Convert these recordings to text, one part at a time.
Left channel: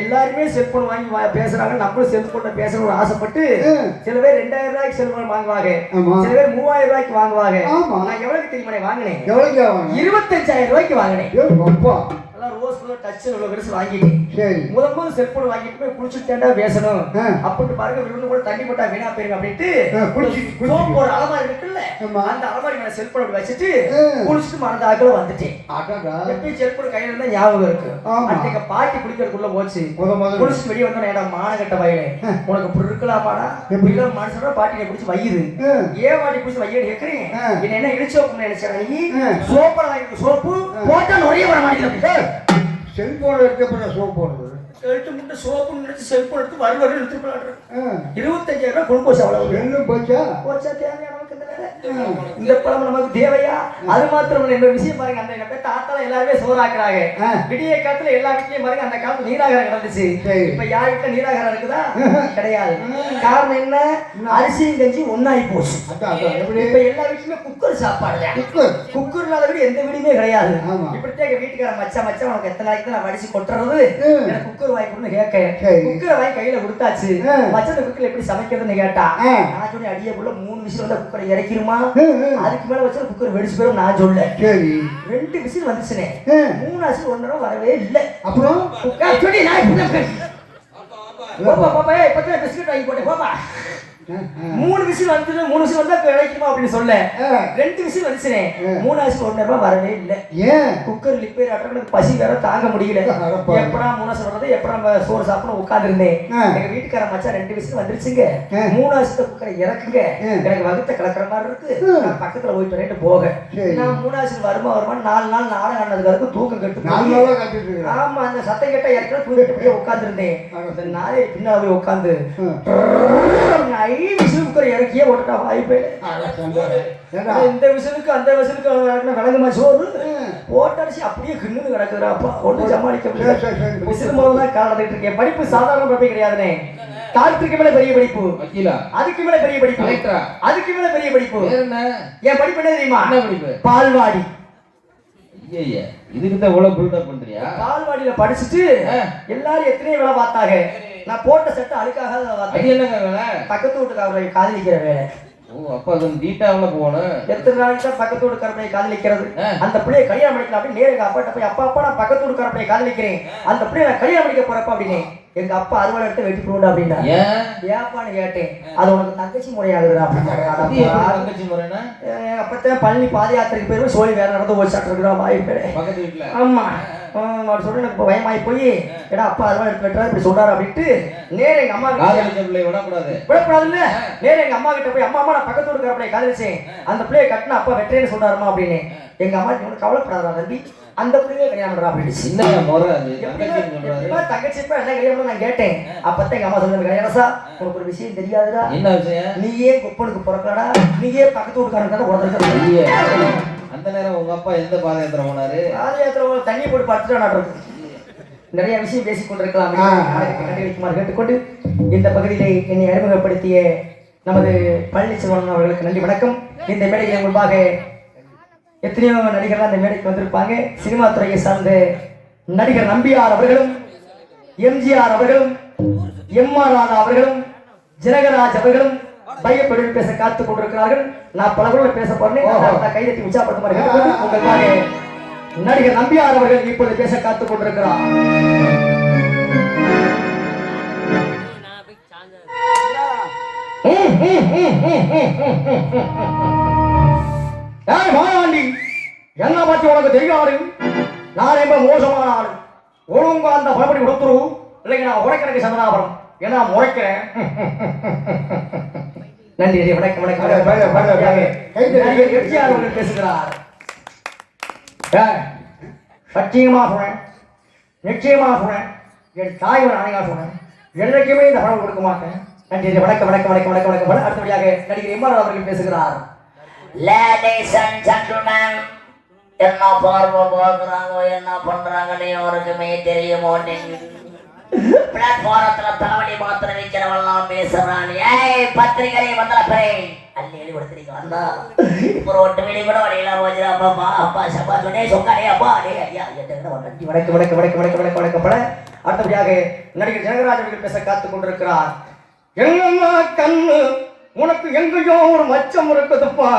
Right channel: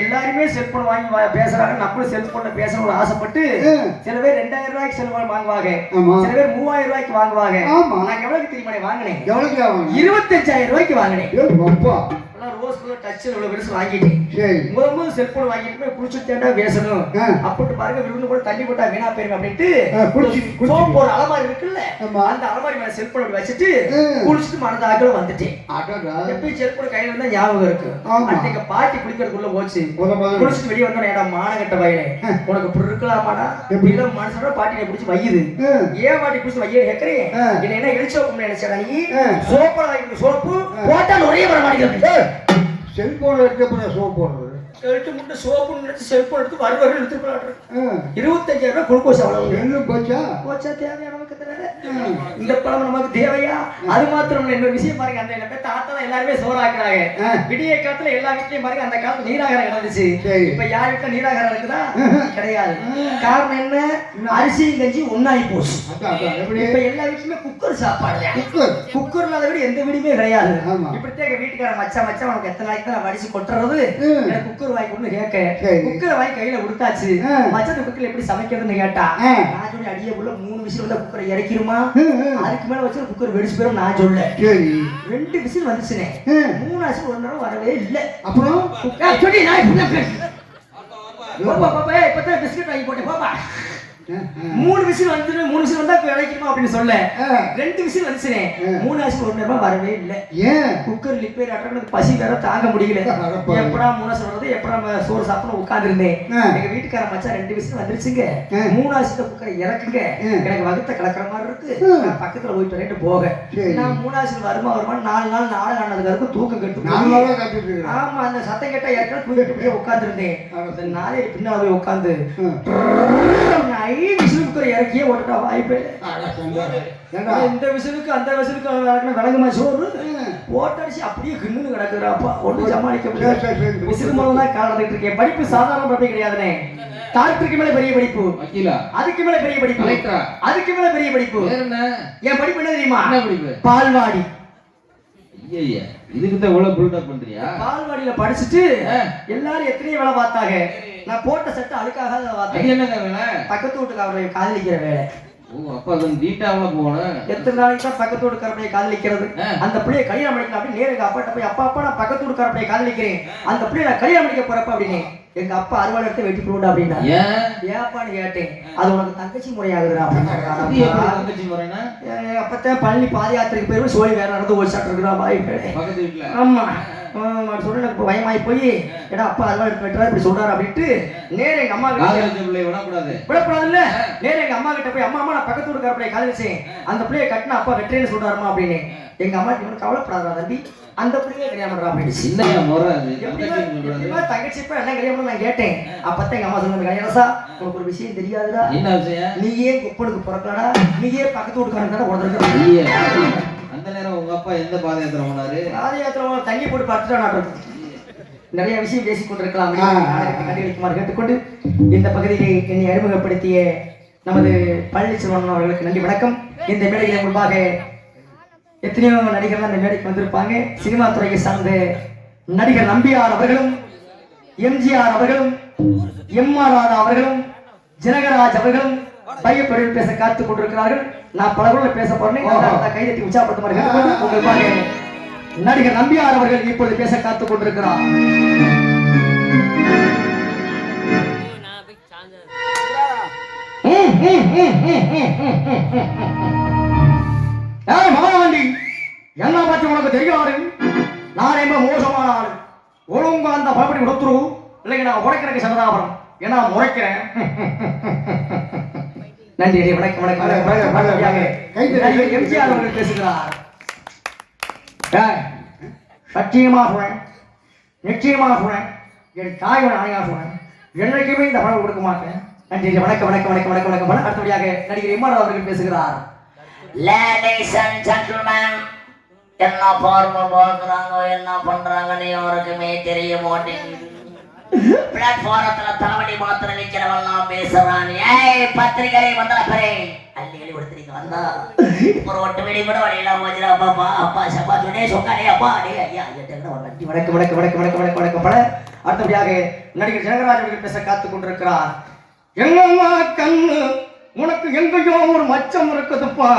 எல்லாருமே செல்போன் வாங்கி பேசுறாங்க, நம்மளும் செல்போன்ல பேசணும்னு ஆசைப்பட்டு சில பேர் 2000 ரூபாய்க்கு செல்போன் வாங்குவாங்க, சில பேர் 3000 ரூபாய்க்கு வாங்குவாங்க. நான் எவ்வளவுக்கு தெரியுமா வாங்கினேன்? 25,000 ரூபாய்க்கு வாங்கினேன். ரோஸ் கலர் டச் உள்ள பெருசு வாங்கிட்டேன். முதல்ல செல்போன் வாங்கிட்டு போய் குளிச்சு தேண்டா பேசணும் அப்படின்ட்டு பாருங்க. விருந்து கூட தண்ணி போட்டா வீணா போயிரும் அப்படின்ட்டு சோப்பு ஒரு அலமாரி இருக்குல்ல, அந்த அலமாரி மேல செல்போன் அப்படி வச்சுட்டு குளிச்சுட்டு மறந்த ஆக்கள் வந்துட்டேன். எப்பயும் செல்போன் கையில இருந்தா ஞாபகம் இருக்கு. அன்னைக்கு பாட்டி குளிக்கிறதுக்குள்ள போச்சு. குளிச்சுட்டு வெளியே வந்தா ஏடா மானகட்ட வயலே உனக்கு இப்படி இருக்கலாமாடா இல்ல மனுஷனோட பாட்டினை பிடிச்சி வையுது. ஏன் பாட்டி பிடிச்சி வைய கேட்கறேன். என்ன இடிச்சு வைக்கணும்னு நினைச்சா நீ சோப்பா வாங்கி சோப்பு போட்டா நிறைய வர மாட்டேங்குது. செல்போன் எடுத்து சோப் போடுறது எடுத்து முட்டை சோப்பு நினைச்சு செல்போன் எடுத்து வருவாரு எடுத்து போடுறாரு. 25,000 ரூபாய் குளுக்கோஸ் அவ்வளவு என்ன போச்சா தேவையா நமக்கு இந்த பழம் நமக்கு தேவையா? அது மாத்திரம் இன்னொரு விஷயம் பாருங்க. அந்த தாத்தால எல்லாருமே சோறாக்குறாங்க. விடிய காலத்துல எல்லா வீட்லயும் பாருங்க அந்த காலத்துல நீராகாரம் கிடந்துச்சு. இப்ப யார் வீட்டுல நீராகாரம் இருக்குதா? கிடையாது. காரணம் என்ன? அரிசியும் கஞ்சி ஒன்னாயி போச்சு. இப்ப எல்லா வீட்லயுமே குக்கர் சாப்பாடு. குக்கர் இல்லாத வீடு எந்த வீடுமே கிடையாது. இப்படித்தான் வீட்டுக்கார மச்சா உனக்கு எத்தனை நாளைக்கு தான் நான் வடிச்சு கொட்டுறது, எனக்கு குக்கர் வாங்கி கொடுன்னு கேட்க குக்கரை வாங்கி கையில கொடுத்தாச்சு. மச்சத்தை குக்கர்ல எப்படி சமைக்கிறதுன்னு கேட்டா நான் சொல்லி அடியக்குள்ள 3 விசில் வந்தா குக்கரை இறக்கிருமா, அதுக்கு மேல வச்சு குக்கர் வெடிச்சு போயிடும் நான் சொல்ல. 2 விசில் வந்துச்சுனே 3 விசில் 1 நேரம் வரவே இல்லை. அப்புறம் சொல்லி நான் பாப்பா இப்பதான் பிஸ்கட் வாங்கி போட்டேன் பாப்பா 3 விசில் வந்து 3 விசில் வந்தா கிடைக்குமா அப்படின்னு சொல்ல 2 விசில் வந்துச்சுனே 3 விசில் 1 நேரம் வரவே இல்லை. ஏன்? குக்கர் லிப்பேர் ஆட்டறது பசி வேற தாங்க முடியல. எப்படா 3 விசில் வருது எப்படா நம்ம சோறு சாப்பிட்டு உட்கார்ந்திருந்தேன். எங்க வீட்டுக்கார மச்சான் 2 விசில் வந்துருச்சுங்க 3 விசில் குக்கரை இறக்குங்க எனக்கு வகுத்த கலக்கிற மாதிரி இருக்கு நான் பக்கத்துல போயிட்டு வரேன் போக. நான் 3 விசில் வருமா 4 நாள் நாடகம் ஆனதுக்கு அதுக்கு தூக்கம் கெட்டு ஆமா அந்த சத்தம் கேட்டா ஏற்கனவே தூக்கிட்டு போய் உட்கார்ந்துருந்தேன். நாளே பின்னால போய் உட்கார்ந்து விசிலுக்கு இறக்கியே ஓட்டா வாய்ப்பே. இந்த விசிலுக்கு அந்த விசிலுக்கு விளங்குமா சோறு போட்டடிச்சு அப்படியே கிண்ணு கிடக்குறாப்பா ஒன்றும் சமாளிக்க முடியாது. விசில் மூலம் தான் காலத்துட்டு இருக்கேன். படிப்பு சாதாரண படிப்பு கிடையாதுனே. டாக்டருக்கு மேல பெரிய படிப்பு, அதுக்கு மேல பெரிய படிப்பு, அதுக்கு மேல பெரிய படிப்பு. என் படிப்பு என்ன தெரியுமா? பால்வாடி. இதுக்கு எவ்வளவு பில்டப் பண்றியா? பால்வாடியில படிச்சுட்டு எல்லாரும் எத்தனையோ வேலை பார்த்தாங்க. நான் போட்ட சட்டை அழுக்காக பக்கத்து வீட்டுக்காரனை காதலிக்கிற வேலை. அப்ப அது டீட்டாவுல போகணும். எத்தனை நாளைக்கு தான் பக்கத்து வீட்டுக்காரனை காதலிக்கிறது? அந்த பிள்ளைய கல்யாணம் பண்ணிக்கலாம் அப்படின்னு நேருக்கு அப்பாட்ட போய் அப்பா நான் பக்கத்து வீட்டுக்காரனை காதலிக்கிறேன் அந்த பிள்ளைய நான் கல்யாணம் பண்ணிக்க போறப்ப அப்படின்னு எங்க அப்பா அறுவாள் எடுத்து வெட்டி போட அப்படின்னா ஏப்பான்னு கேட்டேன். அது உனக்கு தங்கச்சி முறையாகுதுடா அப்படின்னு. அப்பத்தான் பழனி பாத யாத்திரைக்கு போயிடும் சோழி வேற நடந்து ஒரு சாட்டு இருக்குதா வாய்ப்பு. ஆமா சொல்ல எனக்கு பயமாயி போய் ஏடா அப்பா அறுவாள் எடுத்து வெட்டுறா இப்படி சொல்றாரு அப்படின்ட்டு நேர எங்க அம்மா விடக்கூடாது இல்ல நேர எங்க அம்மா கிட்ட போய் அம்மா நான் பக்கத்து வீட்டுக்கார பிள்ளைய காதலிச்சேன் அந்த பிள்ளைய கட்டின அப்பா வெட்டுறேன்னு சொல்றாருமா அப்படின்னு. எங்க அம்மா கவலைப்படாதா தம்பி அந்த பிள்ளையே கல்யாணம் பண்றா அப்படின்னு தங்கச்சி என்ன கல்யாணம் நான் கேட்டேன். அப்பத்தான் எங்க அம்மா சொன்னது கல்யாணசா உனக்கு ஒரு விஷயம் தெரியாதுடா. என்ன விஷயம்? நீயே குப்பனுக்கு பிறக்கலடா நீயே பக்கத்து வீட்டுக்காரன் உடனே. அந்த நேரம் உங்க அப்பா எந்த பாத யாத்திரை போனாரு? பாத யாத்திரை தண்ணி போட்டு படுத்துட்டா. நிறைய விஷயம் பேசிக் கொண்டிருக்கலாம். கண்டிப்பாக கேட்டுக்கொண்டு இந்த பகுதியிலே என்னை அறிமுகப்படுத்திய நமது பழனிச்செல்வன் அவர்களுக்கு நன்றி வணக்கம். இந்த மேடையில் முன்பாக எத்தனையோ நடிகர்கள் அந்த மேடைக்கு வந்திருப்பாங்க. சினிமா துறையை சார்ந்த நடிகர் நம்பியார் அவர்களும் எம்ஜிஆர் அவர்களும் எம்ஆர் ராதா அவர்களும் ஜனகராஜ் அவர்களும் பையப்படி பேச காத்துக் கொண்டிருக்கிறார்கள். நான் பல ஊரில் பேச போறேன். கைதட்டி உற்சாகப்படுத்துமாறு உங்களுக்காக நடிகர் நம்பியார் அவர்கள் இப்பொழுது பேச காத்துக் கொண்டிருக்கிறார். என்ன பத்தி உனக்கு தெரியாது? நான் ரொம்ப மோசமான ஆளு. ஒழுங்கு அந்த பலப்படி கொடுத்துருவோம் இல்லைங்க நான் உடைக்கிறதுக்கு சரதாபரம் ஏன்னா முறைக்கிறேன். நன்றி வணக்கம் வணக்கம். எம்ஜிஆர் அவர்கள் பேசுகிறார். சத்தியமாக சொன்னேன் நிச்சயமாக சொன்னேன் என் தாயோட ஆணையாக சொன்னேன் என்றைக்குமே இந்த பணம் கொடுக்க மாட்டேன். நன்றி வணக்கம் வணக்கம் வணக்கம் வணக்கம் வணக்கம். அடுத்தபடியாக நடிகர் எம்ஆர் அவர்கள் பேசுகிறார். லேடிஸ் அண்ட் ஜென்டில்மேன் என்ன பார்வை பார்க்குறாங்க என்ன பண்றாங்கன்னு யாருக்குமே தெரிய மாட்டேங்குது. பிளாட்ஃபாரத்துல தலைவலி மாத்திரம் வைக்கிறவெல்லாம் பேசுறான். ஏய் பத்திரிகை வந்தா அள்ளி எழுதி கொடுத்துருக்க வந்தா இப்போ ஒட்டு மணி கூட வழியெல்லாம் போச்சுடா. அப்பா அப்பா சப்பா சொன்னே சொன்னானே அப்பா அடே ஐயா வணக்கம் வணக்கம் வணக்கம் வணக்கம் வணக்கம் வணக்கம். அடுத்தபடியாக நடிகர் ஜெயராஜ் அவர்கள் பேச காத்துக் கொண்டிருக்கிறார். எங்கம்மா கண்ணு உனக்கு எங்கேயோ ஒரு மச்சம் இருக்குதுப்பா.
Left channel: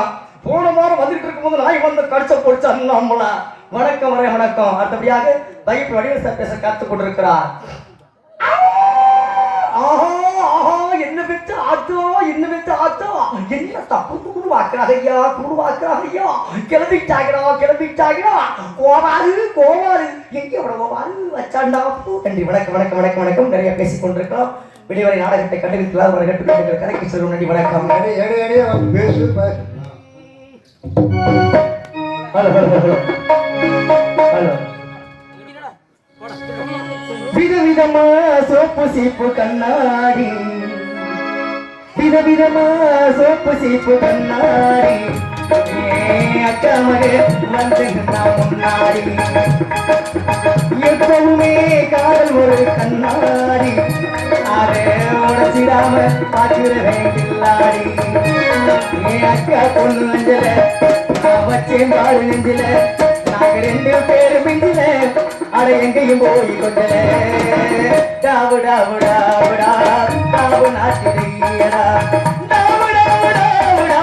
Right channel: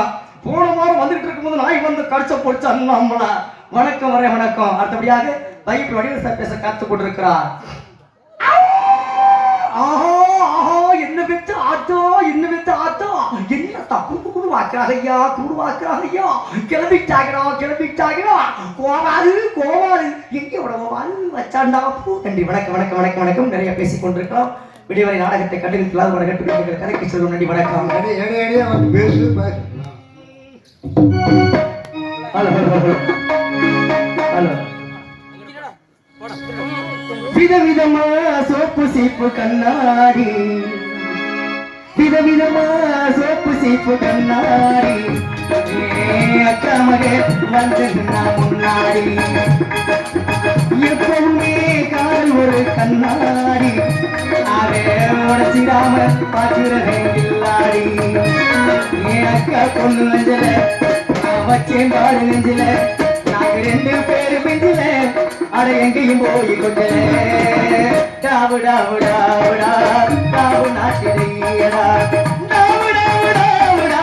போன வாரம் வந்துட்டு இருக்கும்போது நாய் வந்து கடிச்ச போச்சு அண்ணாமலா. வணக்கம் வரே வணக்கம். அடுத்தபடியாக பைக் வடிவ சார் பேச காத்துக் கொண்டிருக்கிறார். என்ன வச்சு ஆத்தோ என்ன வச்சு ஆத்தோ என்ன தப்பு கூடு வாக்குறாங்கய்யா கூடு வாக்குறாங்கய்யா கிளம்பிட்டாங்கடா கோவாது எங்கே கோவாது வச்சாண்டா பூ. நன்றி வணக்கம் வணக்கம் வணக்கம் வணக்கம். நிறைய பேசிக் கொண்டிருக்கிறோம். விடிவரை நாடகத்தை கண்டிருக்கலாம் ஒரு கட்டு கதைக்கு செல்வோம். நன்றி வணக்கம். Hello hello hello hello. விதவிதமா சோப்பு சீப்பு கண்ணாடி விதவிதமா சோப்பு சீப்பு கண்ணாடி அக்கா மகே வந்து முன்னாடி எப்பவுமே காதல் ஒரு கண்ணாடி அதை உடச்சிடாம பார்க்கிற வேண்டில்லாடி. அக்கா பொண்ணு நெஞ்சில வச்சேன் பாடு நெஞ்சில நாங்க 2 பேரு மிஞ்சில அட எங்கேயும் போய் கொண்டே டாவு டாவு டாவுடா டாவு நாட்டிடையடா டாவு டாவு டாவுடா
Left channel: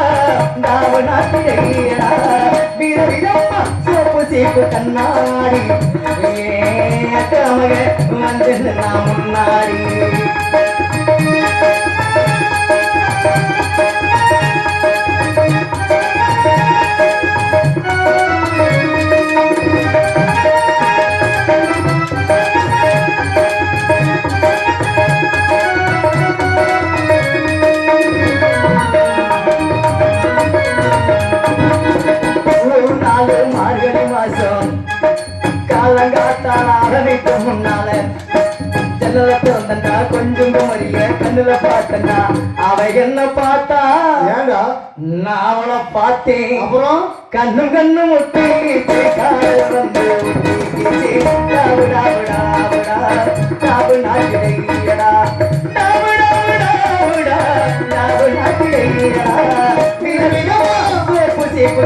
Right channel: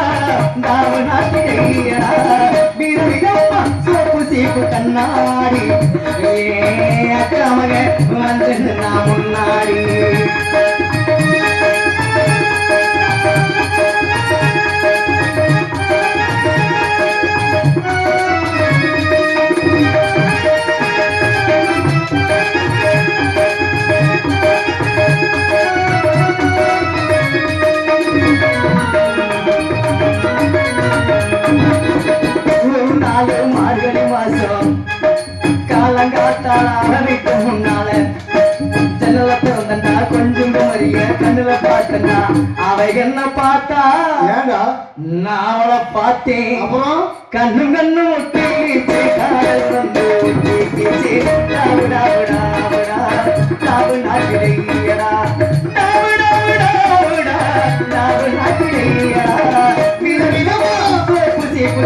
டாவு நாட்டிடையடா. விதவிதமா சோப்பு சீப்பு கண்ணாடி அக்கா மக வந்து நான் முன்னாடி. ஒரு நாள் மார்கழி மாசம் காலங்காத்தால அவனுக்கு முன்னால ஜன்னல திறந்தா கொஞ்சம் மறிய கண்ணுல பார்த்தா அவ என்ன பார்த்தா நான் அவளை பார்த்தேன். அப்புறம் கண்ணும் கண்ணும் ஒட்டி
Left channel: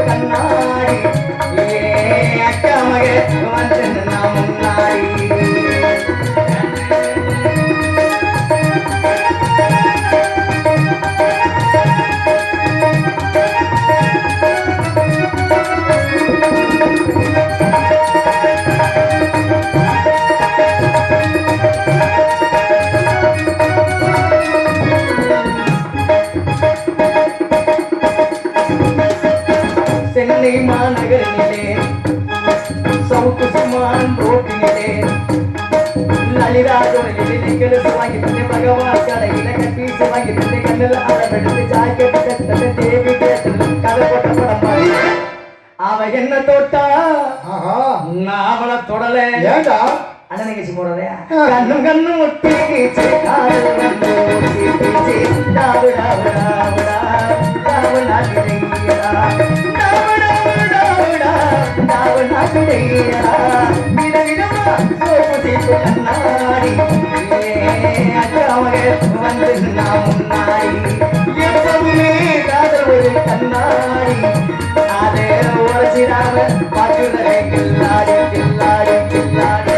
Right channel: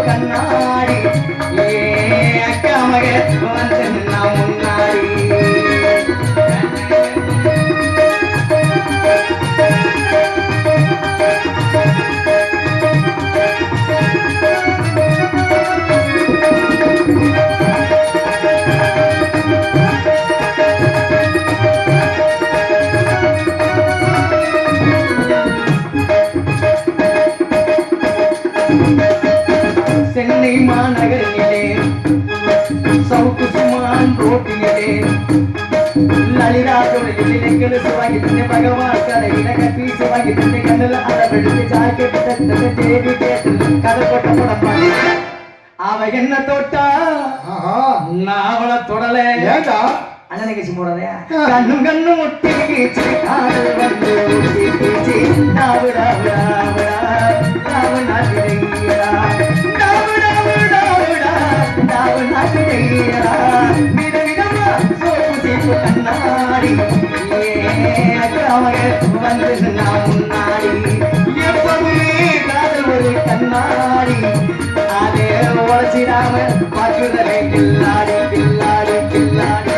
கண்ணாடி அக்கா மக வந்து நான் முன்னாடி. சென்னை மாநகரிலே சவுக்கு சுமான் ரோட்டிலே லலிதா கோயிலில் வாங்கி தந்தை பகவான் கடையில கட்டி வாங்கி தந்தை கண்ணில் அடவெடுத்து ஜாக்கெட் தந்தை தேவி கதை போட்ட படம். அவ என்ன தொட்டா நான் அவளை தொடல அண்ணன் நிகழ்ச்சி போறதே கண்ணும் கண்ணும் ஒட்டி காதல் வந்து டாவு டாவு டாவுடா டாவு நாட்டிடையா டாவு டாவு டாவுடா டாவு நாட்டிடையா. விதவிதமா சோப்பு சீப்பு கண்ணாடி அக்கா மக வந்து நான் முன்னாடி. எப்பவுமே காதல் ஒரு கண்ணாடி அதை உடச்சிடாம பார்க்குறேன் கில்லாடி கில்லாடி கில்லாடி.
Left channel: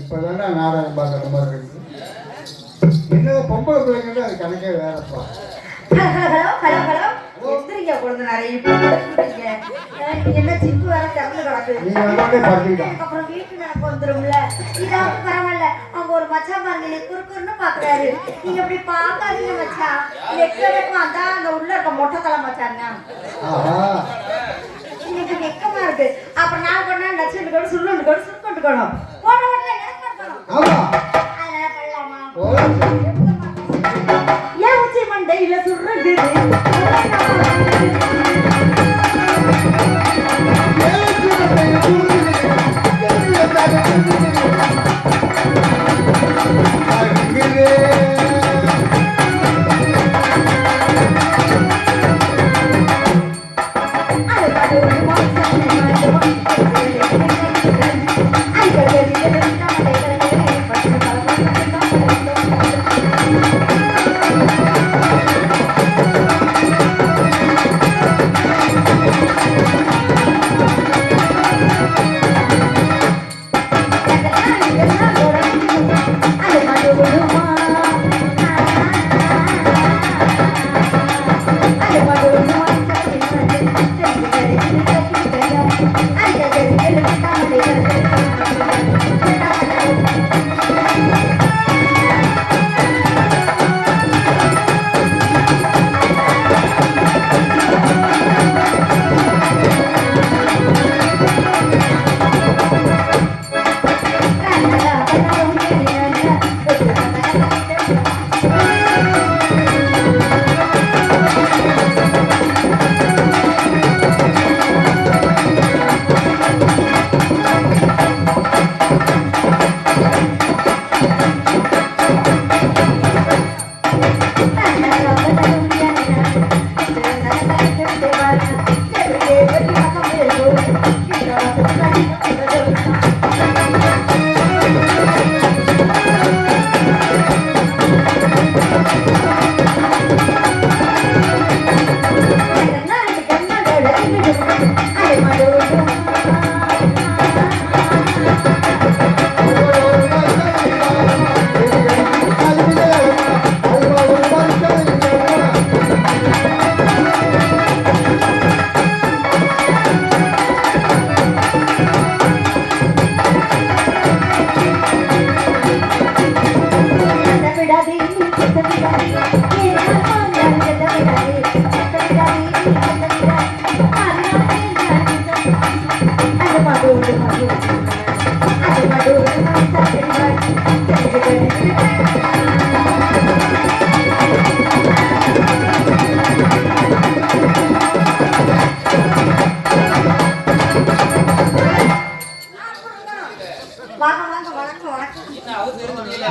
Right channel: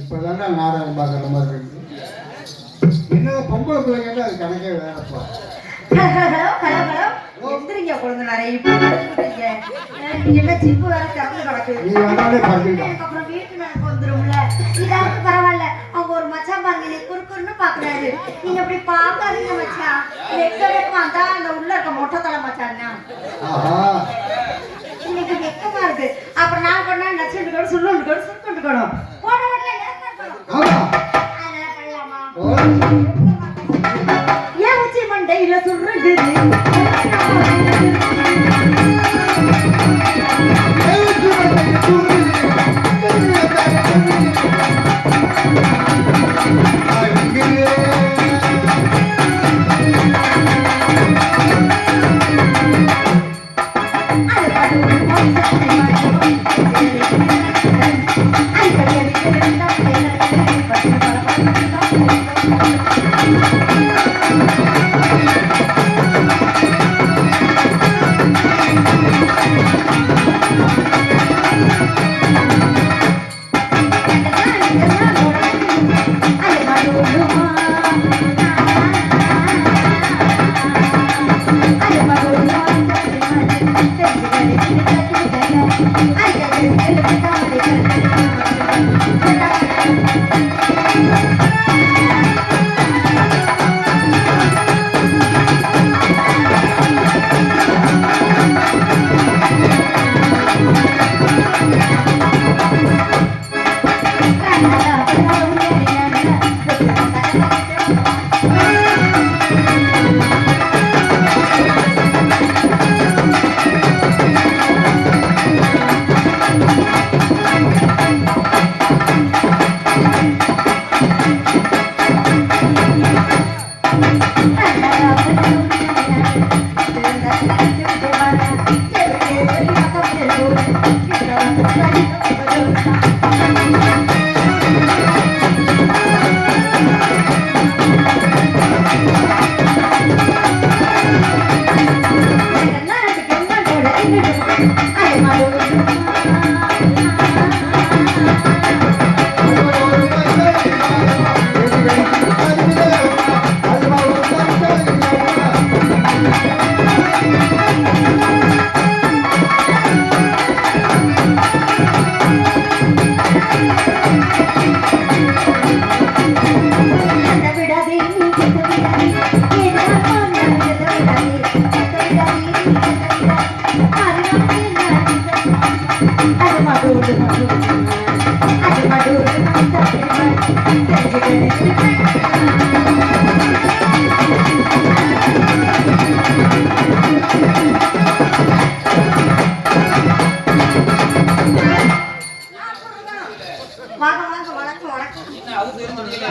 இப்பதானே நாடகம் பார்க்குற மாதிரி இருக்கு. இன்னும் பொம்பளை பிள்ளைங்கன்னா அது கணக்கே வேறப்பா. ஹலோ ஹலோ ஹலோ எந்திரிங்க கொழுந்தனாரே. இப்போ நீங்க என்ன ஜிப்பு வேற திறந்து கிடக்குது. நீ வேணாலே படுத்துக்கிட்டா அப்புறம் வீட்டுக்கு எனக்கு வந்துரும்ல. இதாவது பரவாயில்ல. அவங்க ஒரு மச்சான் பாருங்க நீ குறுக்குன்னு பாக்குறாரு. நீங்க அப்படி பாக்காதீங்க மச்சான். வெக்கமா தான் அந்த உள்ள இருக்க மொட்டை தலை மச்சான் இன்னைக்கு வெக்கமா இருக்கு. அப்புறம் நான் பண்ணா நச்சுட்டு கூட சுருண்டு கூட சுருக்கணும் போன உடனே நேரம் பண்ணணும். ஏன் உச்சி மண்டையில சுடுறது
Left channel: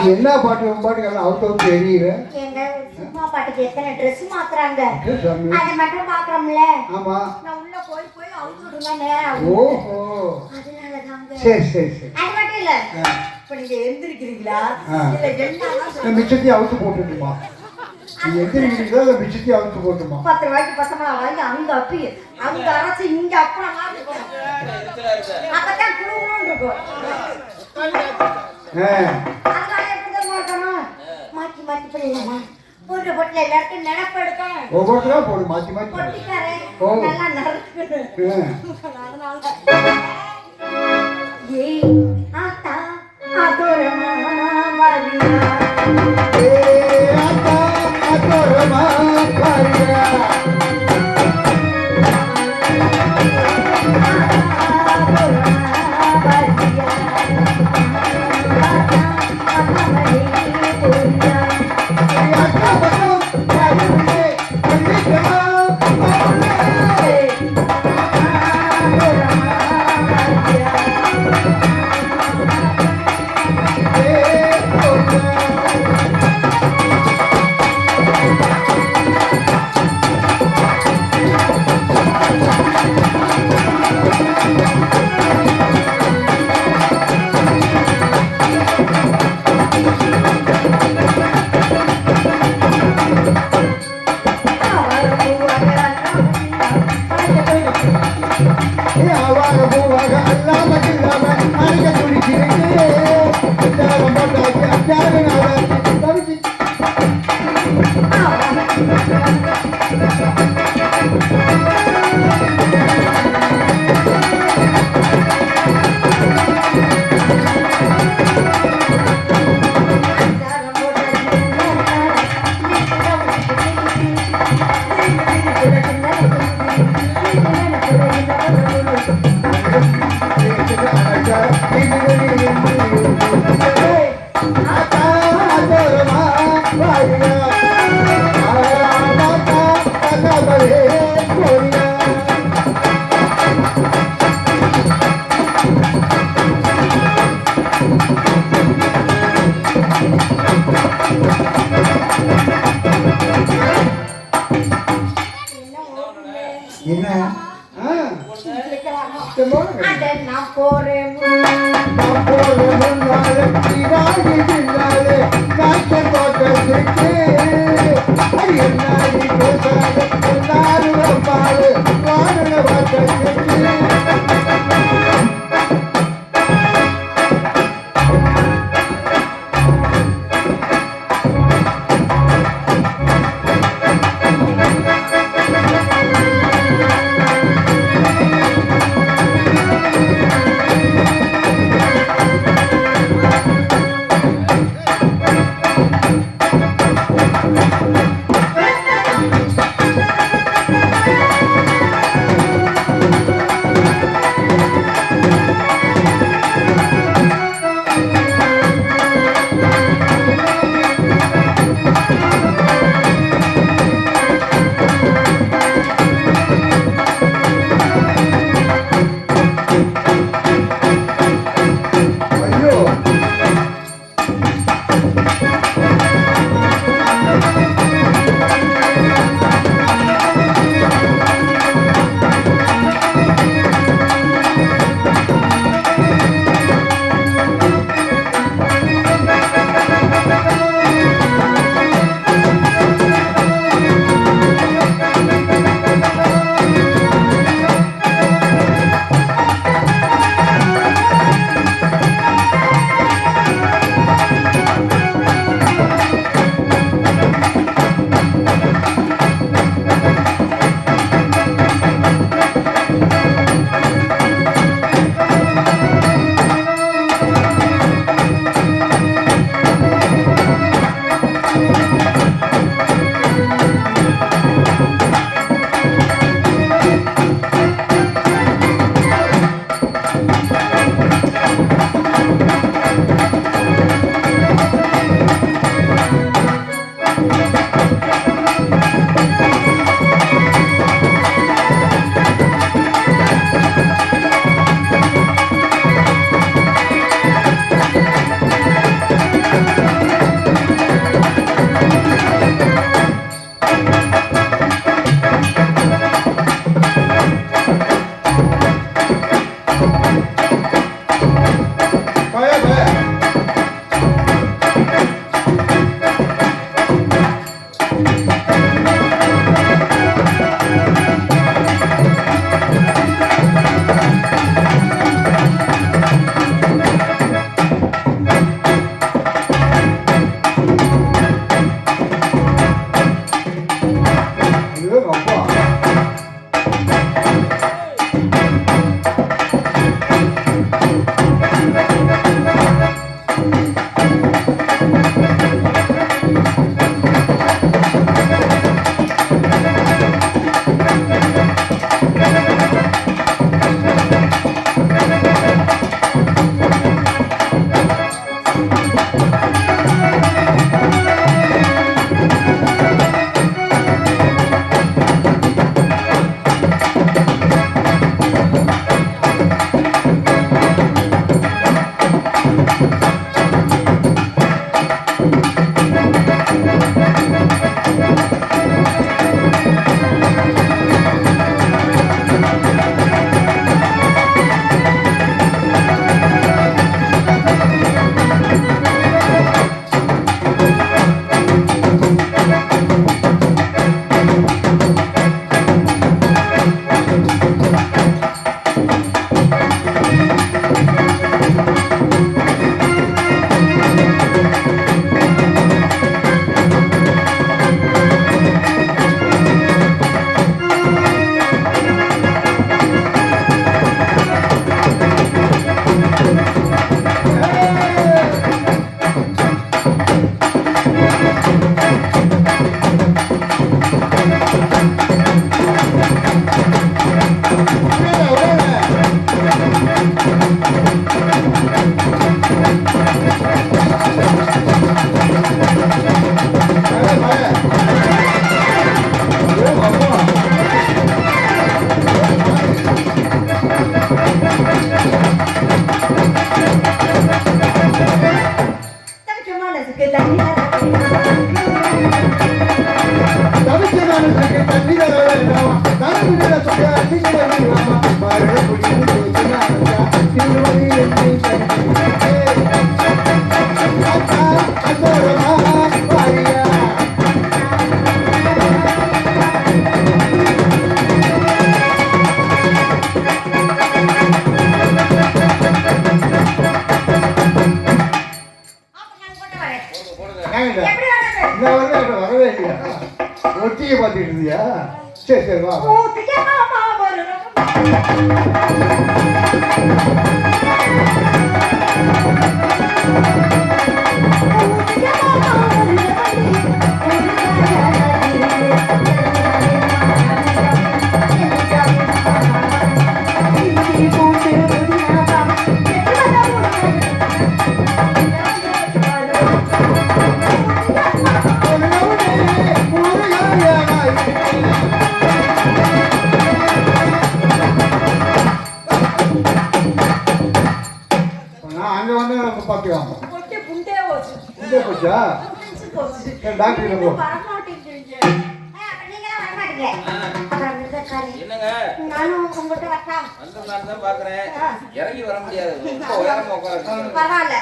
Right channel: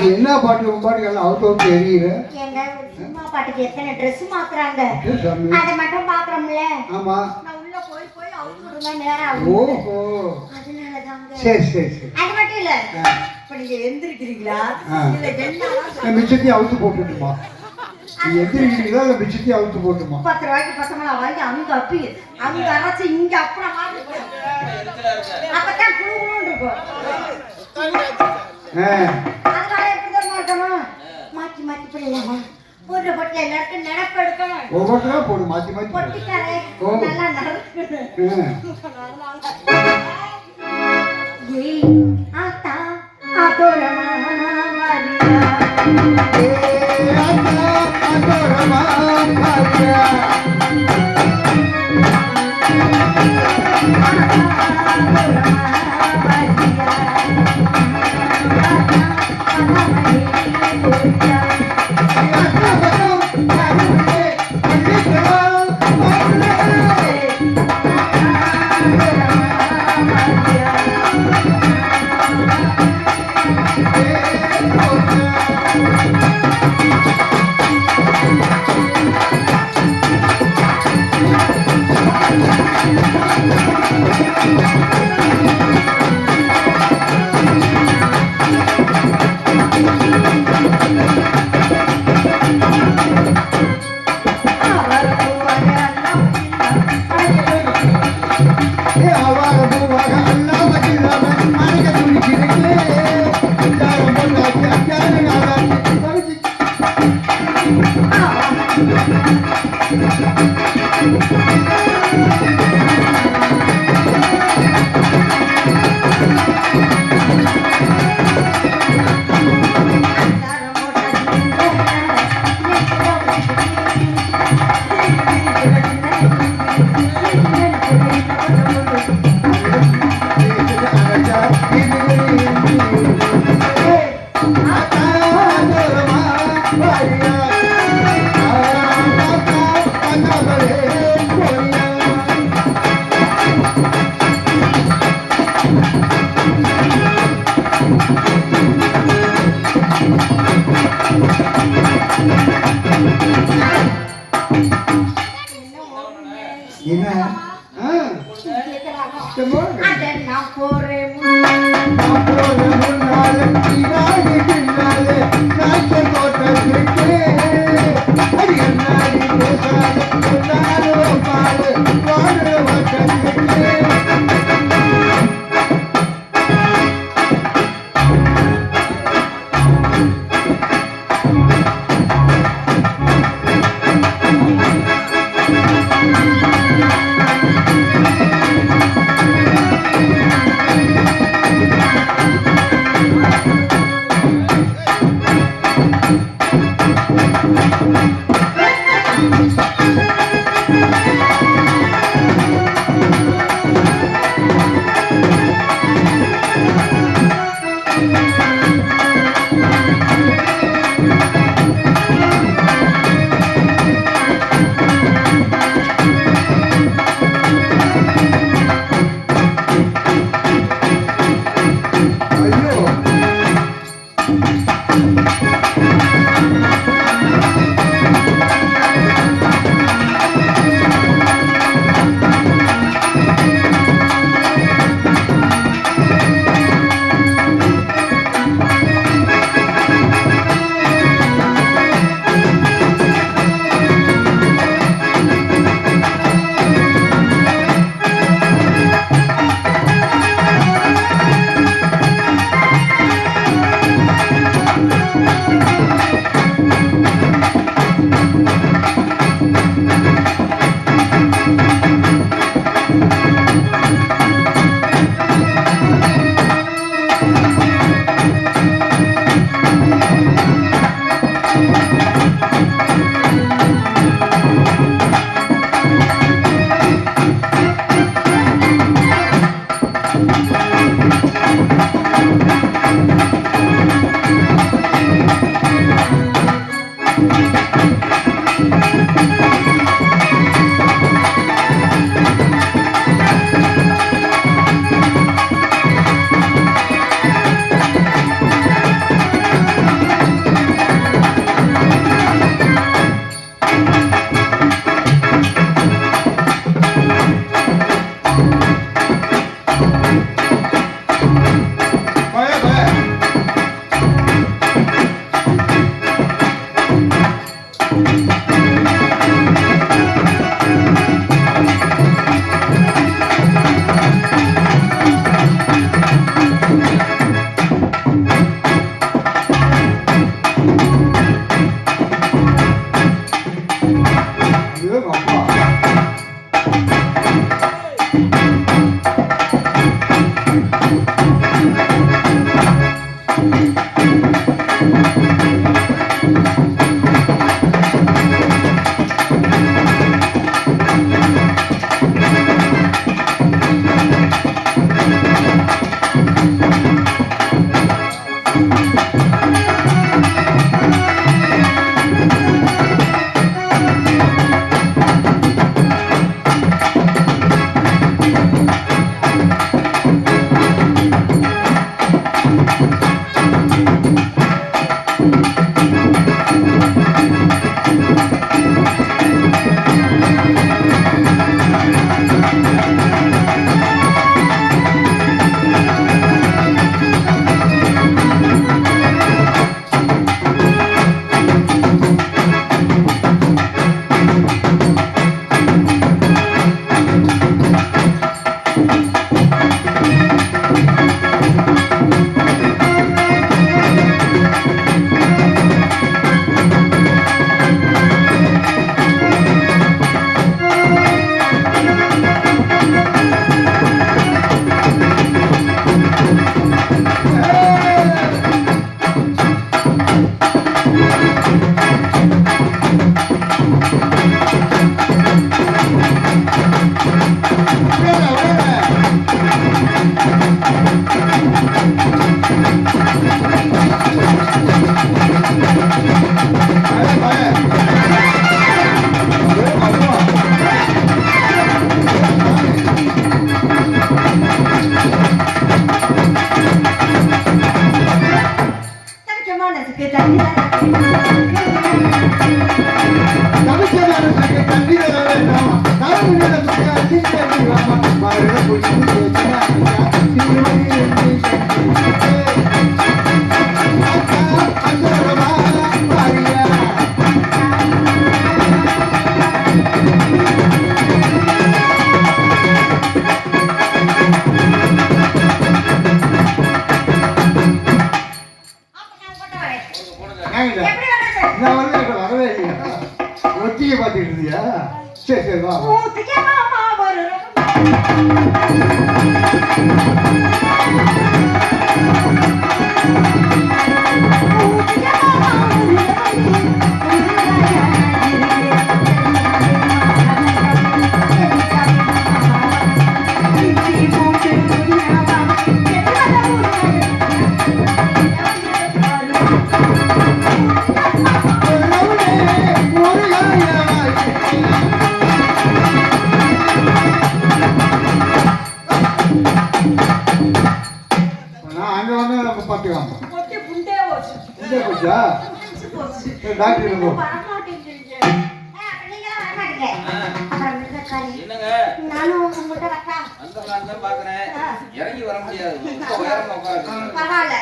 என்ன பாட்டு பாட்டுக்கெல்லாம் அவுத்தவும் தெரியல. எங்க சினிமா பாட்டுக்கு எத்தனை ட்ரெஸ் மாத்துறாங்க, அதை மட்டும் பாக்குறோம்ல. ஆமா, நான் உள்ள போய் போய் அவுத்து விடுவேன் நேரம். ஓஹோ, அதனாலதாங்க. சரி சரி சரி. அது மட்டும் இல்ல, இப்ப நீங்க எந்திரிக்கிறீங்களா இல்ல என்ன மிச்சத்தையும் அவுத்து போட்டுட்டுமா? நீங்க எந்திரிக்கிறீங்களா இல்ல மிச்சத்தையும் அவுத்து போட்டுமா? 10 ரூபாய்க்கு 10 வாங்கி அங்க அப்பி அங்க அரைச்சு இங்க அப்புறம் அப்பதான் புழுன்னு இருக்கும். அதனால எப்படிதான் இருக்கணும், மாத்தி மாத்தி போடுவாங்க. ஒரு பொட்டில எல்லாருக்கும் நினைப்பு எடுக்கணும். ஒவ்வொருத்தரா போடு, மாத்தி மாத்தி பொட்டிக்காரே நல்லா நடக்குது. அதனால ஏய் ஆத்தா அதோரமா வாரியா, ஏய் ஆத்தா அதோரமா வாரியா, மனசுக்கு தண்ணி தவிக்க மனசுக்கு தண்ணி தர வேண்டாம் வரவே இல்லையா ஒட்டியை பார்த்துட்டு இருந்தியா சரி சரி வா அங்க வந்து நம்ம பார்த்துக்கலாம் டாக்டர் நானும் உங்ககிட்ட வரட்டா? இறங்கி வர முடியாது பரவாயில்ல.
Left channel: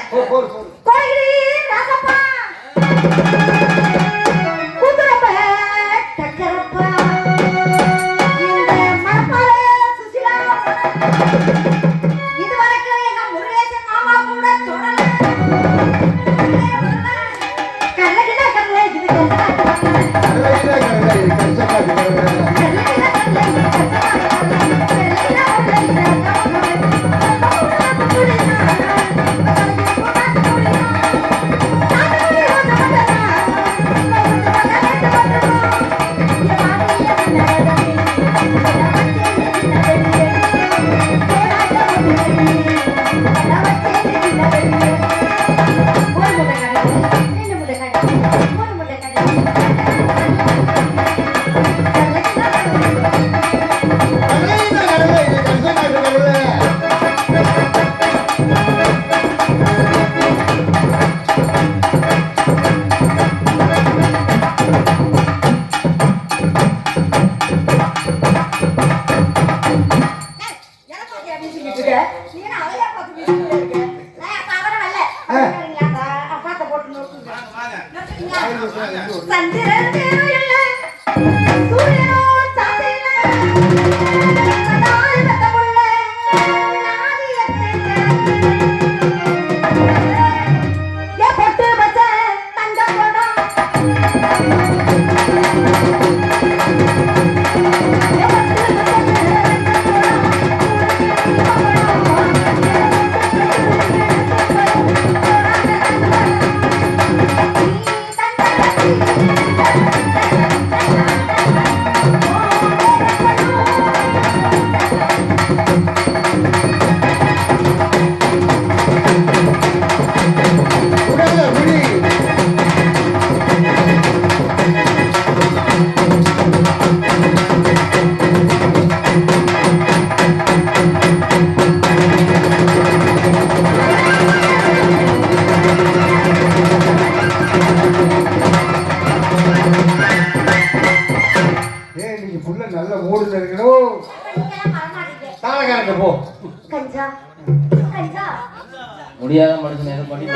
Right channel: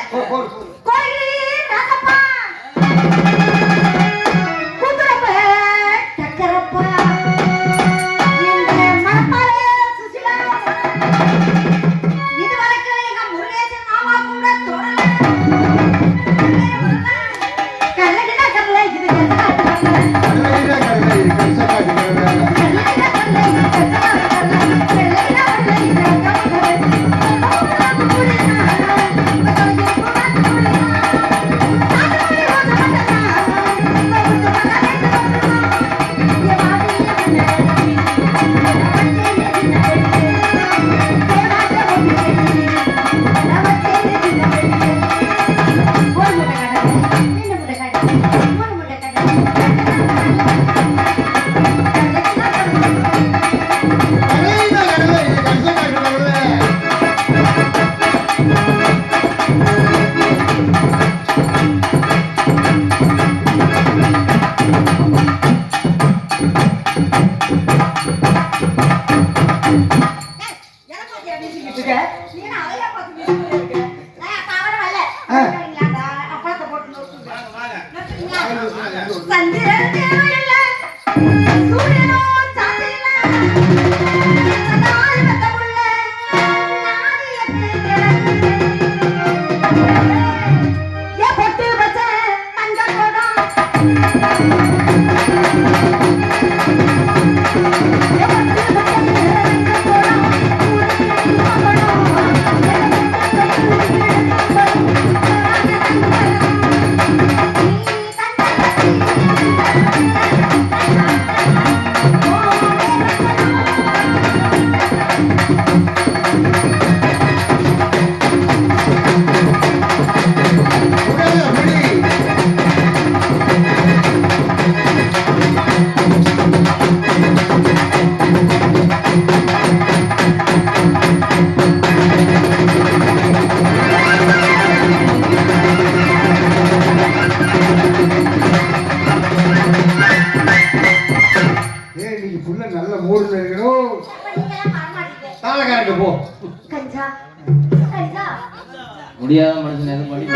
முடியாத மனுஷன் எதை பண்ணி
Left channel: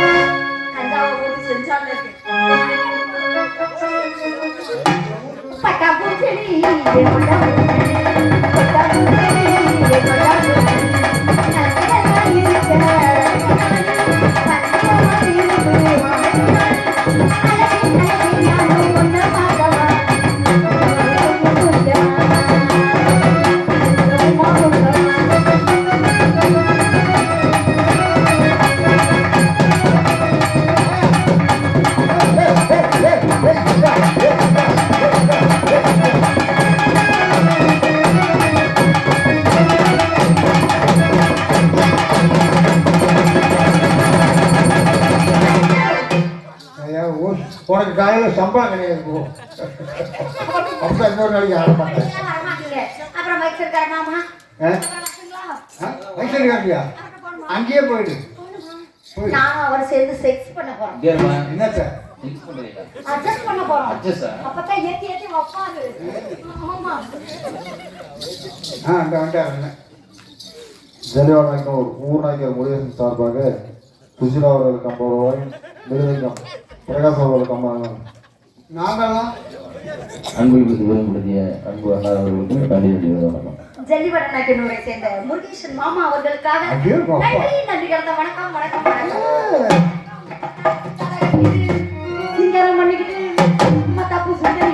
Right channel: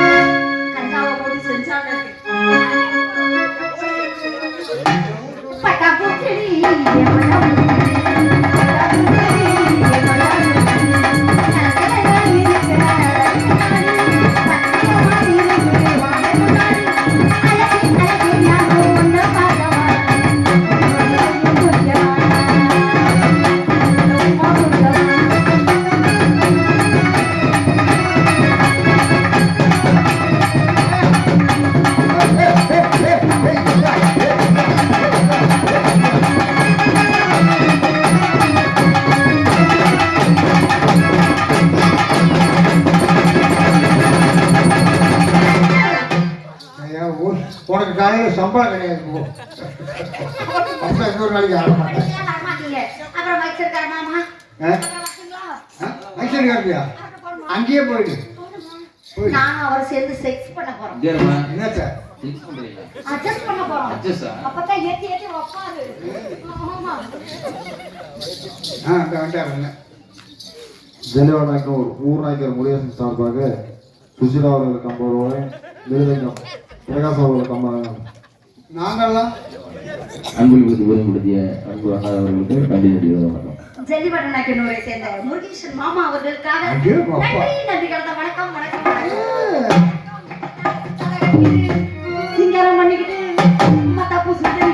கஞ்சாவை போட்டு செஞ்சாங்க. உனக்கு காலையில் சம்பளம் கிடையாது போ அப்போ இன்னொரு நாளைக்கு ஆட மாட்டேன் மைசூர் காப்பியா அங்கேயே போயிடு நானும் அவர் சேர்ந்து செக்ஸ் பண்ண போறோம். என்ன சார் அட்ஜஸ்ட் பண்ண போறோம். அப்பதான் ஏத்தி ஏத்தி வைப்பாரு. ஆமா. அந்த வந்துட்டாருங்க. ஜெலிவானூர் ஊர்நாயக்கர் முருகேசன் சார்பாக சுசிலா அவர்களுக்கு 50 ரூபாய், மிருதங்கம் பிரகாஷ் அவர்களுக்கு 50. நாங்கள்லாம் அன்புக்கு விரும்புடைய அன்பு அண்ணா அவர்களுக்கு நன்றி தெரிவிக்கிறோம். ஜெல்லிவடனாக்கினூரை சேர்ந்த முருகேசன் மாமா அவர்களுக்காக ஐயோ, அப்பா. நன்றி கலந்த வணக்கம் வணக்கம் வணக்கம். சிங்காரம் பண்ணிக்கிட்டு தப்பு சுந்தரி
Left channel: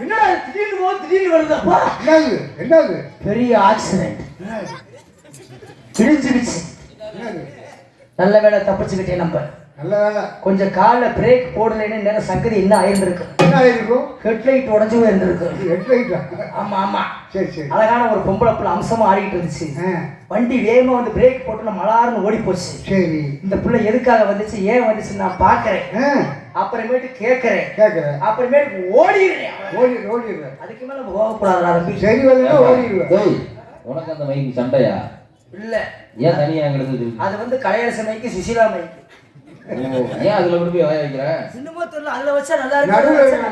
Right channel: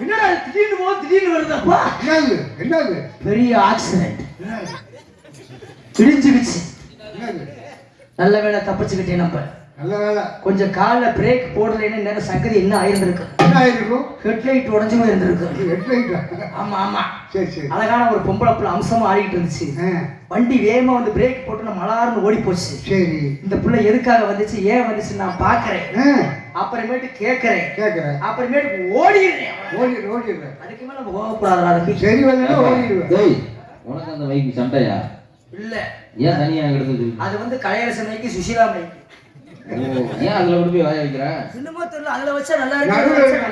என்னடா திடீர்னு போகுது திடீர்னு வருதப்பா. என்னது பெரிய ஆக்சிடென்ட் இடிஞ்சுக்கிச்சு. என்னது நல்ல வேளை தப்பிச்சுக்கிட்டே. நம்ம நல்ல வேலை. கொஞ்சம் காலில் பிரேக் போடலைன்னு நேரம் சங்கதி என்ன ஆயிருந்திருக்கு. என்ன ஆயிருக்கும்? ஹெட்லைட் உடஞ்சு இருந்திருக்கு. ஹெட்லைட்டா? ஆமா ஆமா. சரி சரி. அழகான ஒரு பொம்பளை புள்ள அம்சமா ஆடிக்கிட்டு இருந்துச்சு. வண்டி வேகமா வந்து பிரேக் போட்டு மலார்னு ஓடி போச்சு. சரி. இந்த பிள்ளை எதுக்காக வந்துச்சு ஏன் வந்துச்சு நான் பாக்குறேன். அப்புறமேட்டு கேட்கறேன். அப்புறமேட்டு ஓடிடுறேன். அதுக்கு மேல போகக்கூடாது. சரி வரலன்னா ஓடிடுவேன். டேய், உனக்கு அந்த மைக்கு சண்டையா? இல்ல, ஏன் தனியா கிடந்தது? அது வந்து கலையரச மைக்கு சுசிலா மைக்கு. ஏன் அதுல கொண்டு போய் வாய வைக்கிற? சின்னமா தெரியல, அதுல வச்சா நல்லா நடுவுல இருக்கு.